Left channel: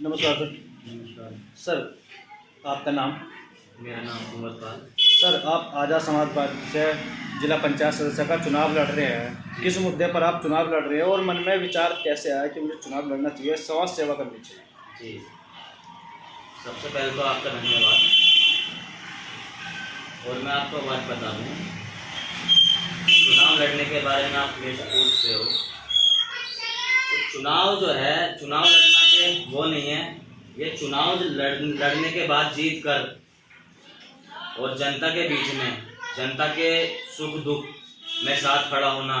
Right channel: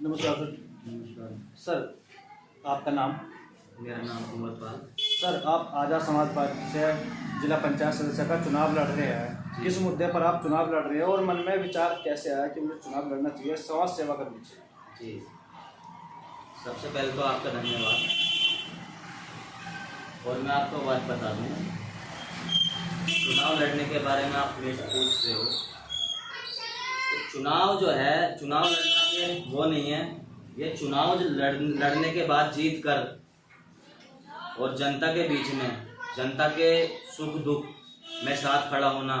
नमस्कार सर। नमस्कार। सर आपका नाम? मेरा नाम कुंवर पाल। सर आप आज़ाद समाज पार्टी से जिला पंचायत सदस्य का चुनाव लड़ रहे हैं, किस मुद्दे पर आप चुनाव लड़ रहे हैं और मन में विचार कैसे आया कि मुझे चुनाव लड़ना चाहिए, समाज सेवा करनी चाहिए? जी, सबसे पहले तो आपका धन्यवाद। और मैं आपको बात बता दूँ, चुनाव लड़ने के बारे में आप मेरे से पूछ रहे हो, तो चुनाव जो है, चुनाव लड़ना ये वो नहीं है। ये चुनाव लड़ने के बाद जीत कर और जनता के बीच में, जनता के सुख दुख में साथ खड़ा होना,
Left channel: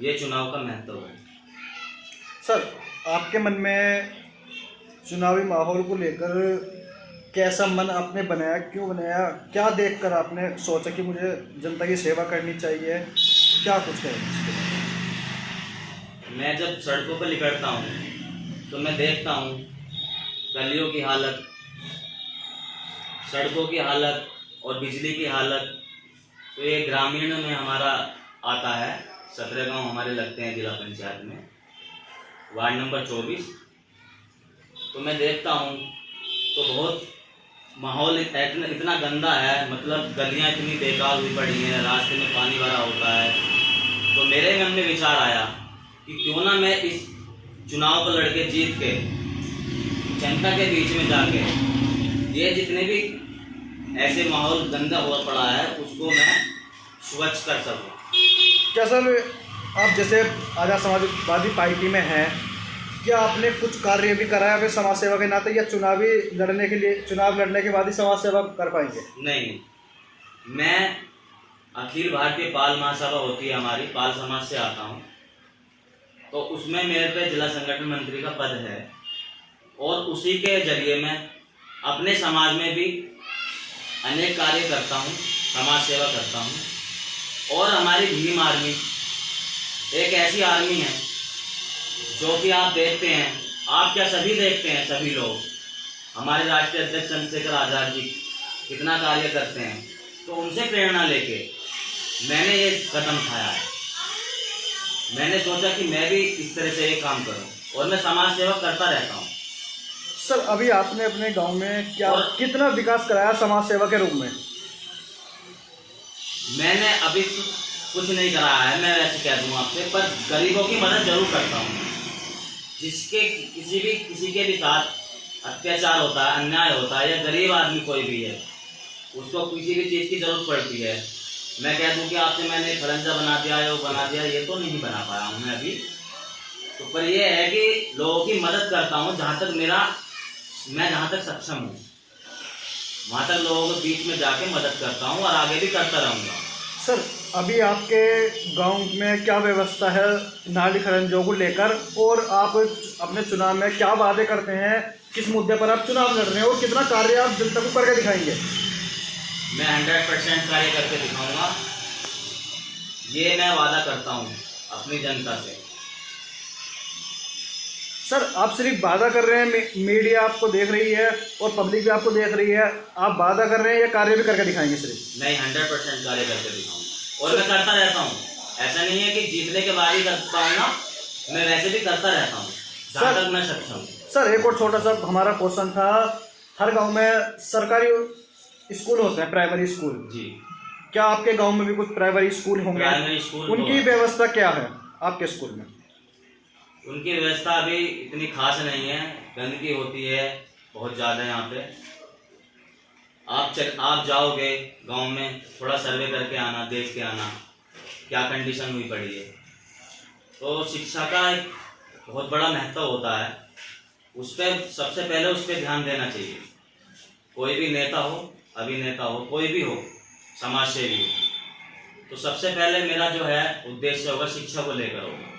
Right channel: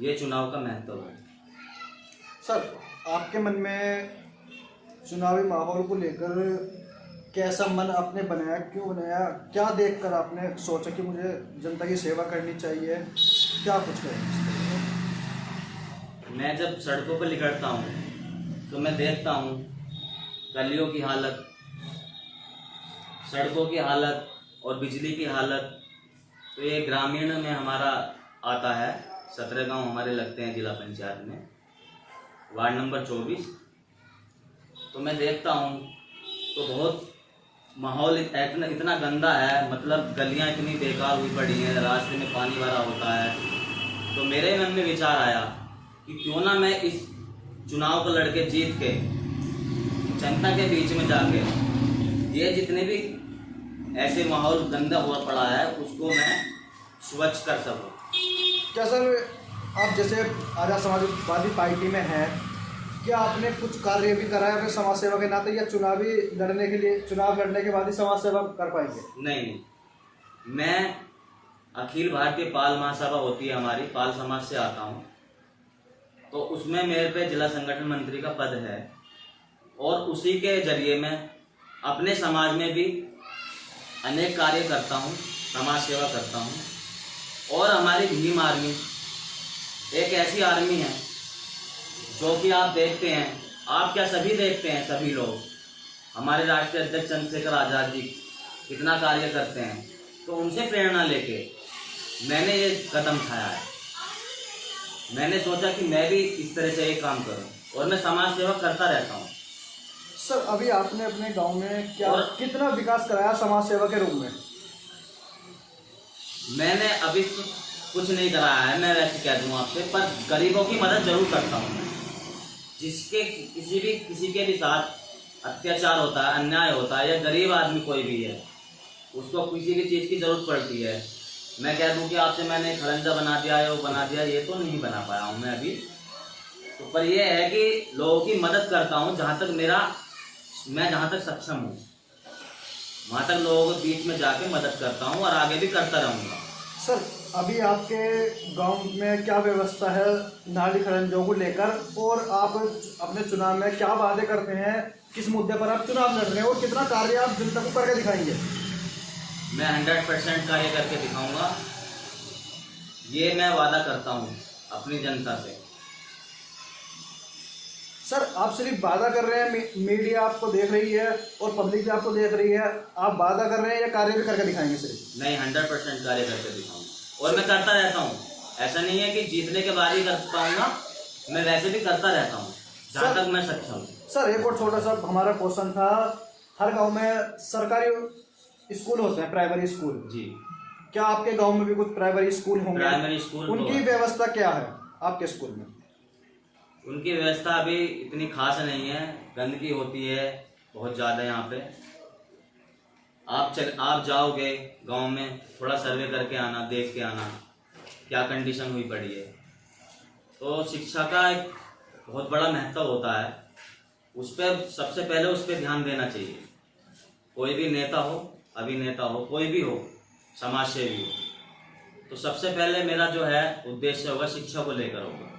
ये चुनाव का महत्व है। सर आपके मन में चुनावी माहौल को लेकर कैसा मन आपने बनाया, क्यों बनाया, क्या देखकर आपने सोचा कि मुझे जनता की सेवा करनी चाहिए, क्या कुछ है? मैं जब सड़कों पर निकलता हूँ तो मैं देखता हूँ गलियों की हालत, सड़कों की हालत और बिजली की हालत। तो ये ग्रामीण में हमारा आता है, 17 गांव हमारे लगते हैं जिला पंचायत में, वार्ड नंबर 24। तो मैं देखता हूँ तो बहुत माहौल इतना गंदा है, मतलब गलियाँ इतनी बेकार हुई पड़ी हैं, रास्ते में पानी भरा होता है। तो मेरे मन में विचार आया कि क्यों ना मैं इस चुनाव को लड़के जीत के जनता के बीच में जाके ये जितने भी ऐसे माहौल गंदा हुआ पड़ा है उसको मैं स्वच्छ कर सकूं। क्या सर आप जैसे आज़ाद समाजवादी पार्टी में हैं, क्या आपने कुछ कार्य भी करा है अपने समाज सेवा के नाते, या चुनाव लड़ने के बाद ही समाज सेवा कर पाएंगे? नहीं, मैं अखिल भारतीय पाल महासभा होती है हमारी, पाल समाज से आता हूँ। तो उसमें मेरे पे जिला संगठन मंत्री का पद है और उसी के जरिए मैं अपने समाज में भी अनेक कार्य करता हूँ, समाज सेवा करता हूँ। और हमारी भीम आर्मी एक ऐसी आर्मी है जो कि आप देखते हैं, आप क्या सभी देखते हैं, सभी लोग हमारे राष्ट्रीय अध्यक्ष चंद्रशेखर आज़ाद जी कितना कार्य करते हैं। तो उनसे प्रेरणा लेके मैंने ये कदम उठाया है। मैंने सोचा कि मैं भी इस तरह से ये काम करूं और मैं समाज सेवा करता रहता हूं। सर अभी आपने अपने गांव में कितना विकास कराया समाज सेवा के रूप में? मैंने अभी कुछ नहीं कराया है, मैं वैसे कह दूं आपसे, पर गरीबों की मदद जरूर करता हूं। जिसके किसी के भी साथ अत्याचार होता है, अन्याय होता है, या गरीब आदमी कोई भी है, उसको किसी भी चीज़ की जरूरत पड़ती है, मैं कह दूं कि आपसे मैंने खरंजा बना दिया है, वो बना दिया, ये तो नहीं बना पाया हूँ मैं अभी। तो पर ये है कि लोगों की मदद करता हूँ, मैं जहाँ तक सक्षम हूँ वहाँ तक लोगों के बीच में जाके मदद करता हूँ और आगे भी करता रहूँगा। सर अभी आपके गांव में क्या व्यवस्था है नाली खरंजों को लेकर, और आप अपने चुनाव में क्या वादे करते हैं, किस मुद्दे पर आप चुनाव लड़ रहे हो, कितना कार्य आप जनता को करके दिखाएंगे? मैं 100% कार्य करके दिखाऊंगा, ये मैं वादा करता हूँ अपनी जनता से। सर आप सिर्फ वादा कर रहे हैं, मीडिया आपको देख रही है और पब्लिक भी आपको देख रही है, आप वादा कर रहे हैं या कार्य भी करके दिखाएंगे? सिर्फ नहीं, 100% कार्य करके दिखाऊंगा और मैं करता रहता हूँ। ऐसा नहीं है कि जीतने के बाद ही कर पाऊंगा, मैं वैसे भी करता रहता हूँ जहाँ तक मैं सक्षम हूँ। सर एक और छोटा सा हमारा क्वेश्चन था, हर गाँव में सरकारी स्कूल होते हैं, प्राइमरी स्कूल जी, क्या आपके गाँव में भी कुछ प्राइमरी स्कूल होंगे? प्राइमरी स्कूल उनकी व्यवस्था क्या है आपके स्कूल में? उनकी व्यवस्था अभी इतनी खास नहीं है, गंदगी होती है बहुत ज़्यादा यहाँ पे। आप जाओगे गांव में, थोड़ा सर्वे करके आना, देख के आना क्या कंडीशन हुई पड़ी है। तो शिक्षा का एक बहुत बड़ा महत्व होता है, उस पर सबसे पहले उस पर ध्यान देना चाहिए। कोई भी नेता हो, अभिनेता हो, कोई भी हो, समाज सेवी हो, तो सबसे पहले मेरा जो है उद्देश्य होगा शिक्षा को लेकर होगा।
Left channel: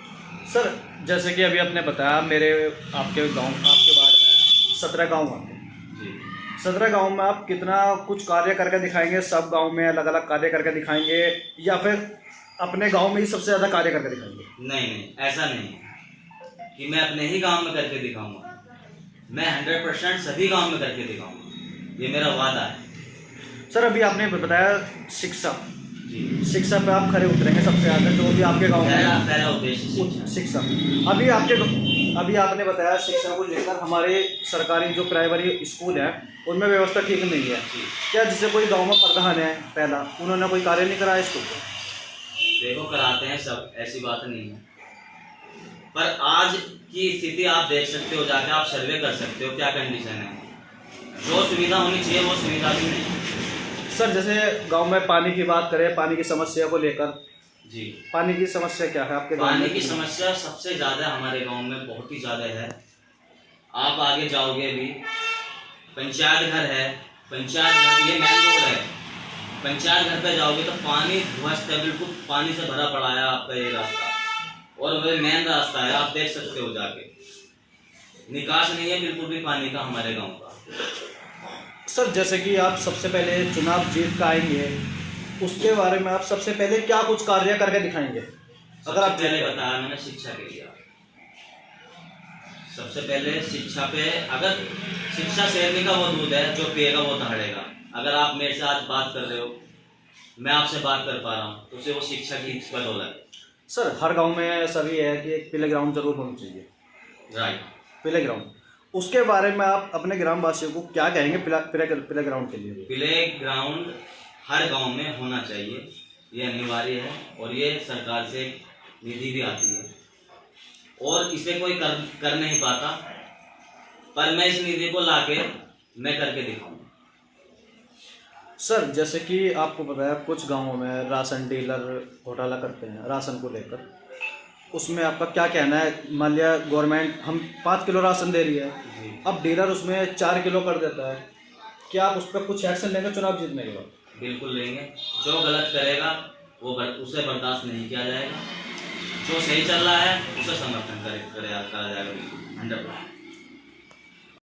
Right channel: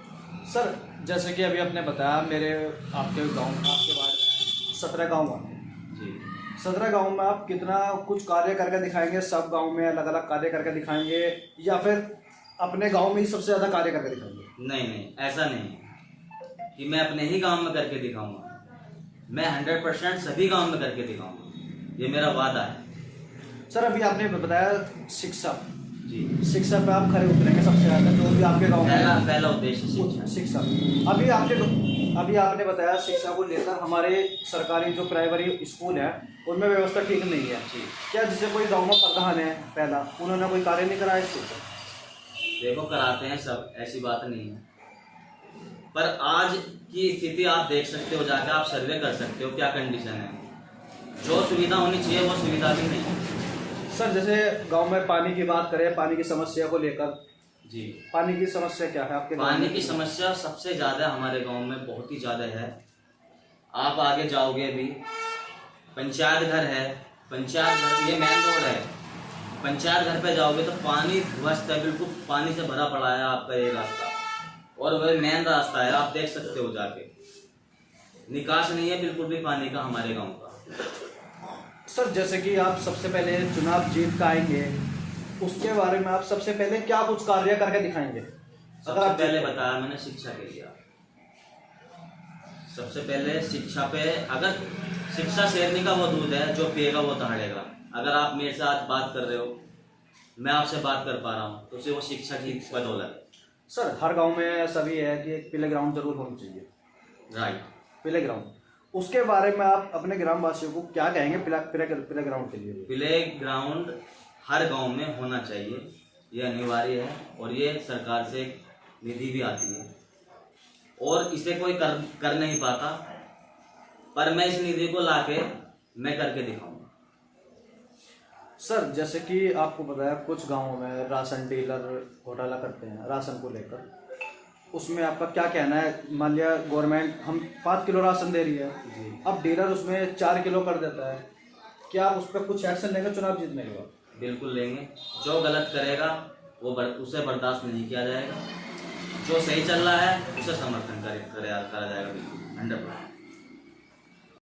सर जैसे कि अभी आपने बताया, आपके वार्ड में 17 गाँव हैं जी, 17 गाँव में आप कितना कुछ कार्य करके दिखाएंगे? सब गाँव में अलग अलग कार्य करके दिखाएंगे या फिर अपने गाँव में ही सबसे ज़्यादा कार्य करके दिखाएंगे? नहीं, ऐसा नहीं है कि मैं अपने ही गांव में करके दिखाऊंगा, मैं 100% सभी गांव में करके दिखाऊंगा, ये मेरा वादा है। सर अभी आपने बताया शिक्षा, जी। शिक्षा पे आप खरे उतरेंगे सबसे ज़्यादा, जो भी आपके गाँव में पहला उद्देश्य शिक्षा। शिक्षा। अभी आपने बताया शिक्षा को लेकर हमारे सरकारी जो प्राइमरी स्कूल है उनमें व्यवस्था ठीक नहीं है। जी। क्या जैसे कोई गांव में प्रधान है पहला, उन्होंने कोई कार्य नहीं कराया इसको? देखो कराते हैं सब, ऐसी बात नहीं है, पर आज की स्थिति आप देख सकते हो, जाके आप सर्वे कर सकते हो क्या कंडीशन है। जो सुविधा होनी चाहिए वो सुविधा भी नहीं है। सर जैसे गांव में पानी की बात करें, पानी की समस्या को लेकर, जी। पानी की समस्या क्या है आपके गाँव पानी में? की समस्या सबसे ज़्यादा हमारे गांव में बहुत ही ज़्यादा है। आप आगे जाओगे भी, पंचायत घर है, पंचायत घर ये मेन रोड है, पंचायत घर पे जाओगे तो पानी ध्वस्त है, बिल्कुल पानी से भरा पड़ा है आपका ये रास्ता, और वह मेन रास्ता है, आप देख सकते हो जाके। निकास नहीं है बिल्कुल भी पानी का हमारे गांव का। सर जैसे कि आप सबसे पहले चुनाव जीत पाएंगे, उसके बारे में आप सबसे पहले क्या कुछ कार्य करके दिखाएंगे? अगर आप पहले बताया मैंने शिक्षा के लिए, सबसे पहले शिक्षा पे, अगर शिक्षा शेरनी का वो दूध है, जो पिएगा वो दहाड़ेगा। अगर आप मेरे से आज बात कर रहे हो, मैं आपसे बात कर पा रहा हूँ, तो उसे वो शिक्षा की बदौलत है। सर हर गांव में ऐसा भी है कि एक प्ले ग्राउंड जरूर होना चाहिए। राइट। प्ले ग्राउंड, उसके बारे में आप अपने ग्रामवासियों को क्या कहेंगे प्ले ग्राउंड के लिए? प्ले ग्राउंड हर गांव में होना चाहिए, ये अनिवार्य है, और ये सरकार से निधि भी आती है, और इसे कोई कर नहीं पाता, पर मैं इस निधि को लाके मैं करके दिखाऊंगा। सर जैसे कि आपको पता है कुछ गांवों में राशन डीलर घोटाला करते हैं राशन को लेकर, उसमें आपका क्या कहना है? मान लिया गवर्नमेंट हम 5 किलो राशन दे रही है, अब डीलर उसमें 4 किलो कर देता है, क्या आप उस पर कुछ एक्शन लेंगे चुनाव जीतने के बाद? बिल्कुल लेंगे। जो गलत करेगा वो उसे बर्दाश्त नहीं किया जाएगा, जो सही चल रहा है उसे समर्थन करा जाएगा, बिल्कुल 100%।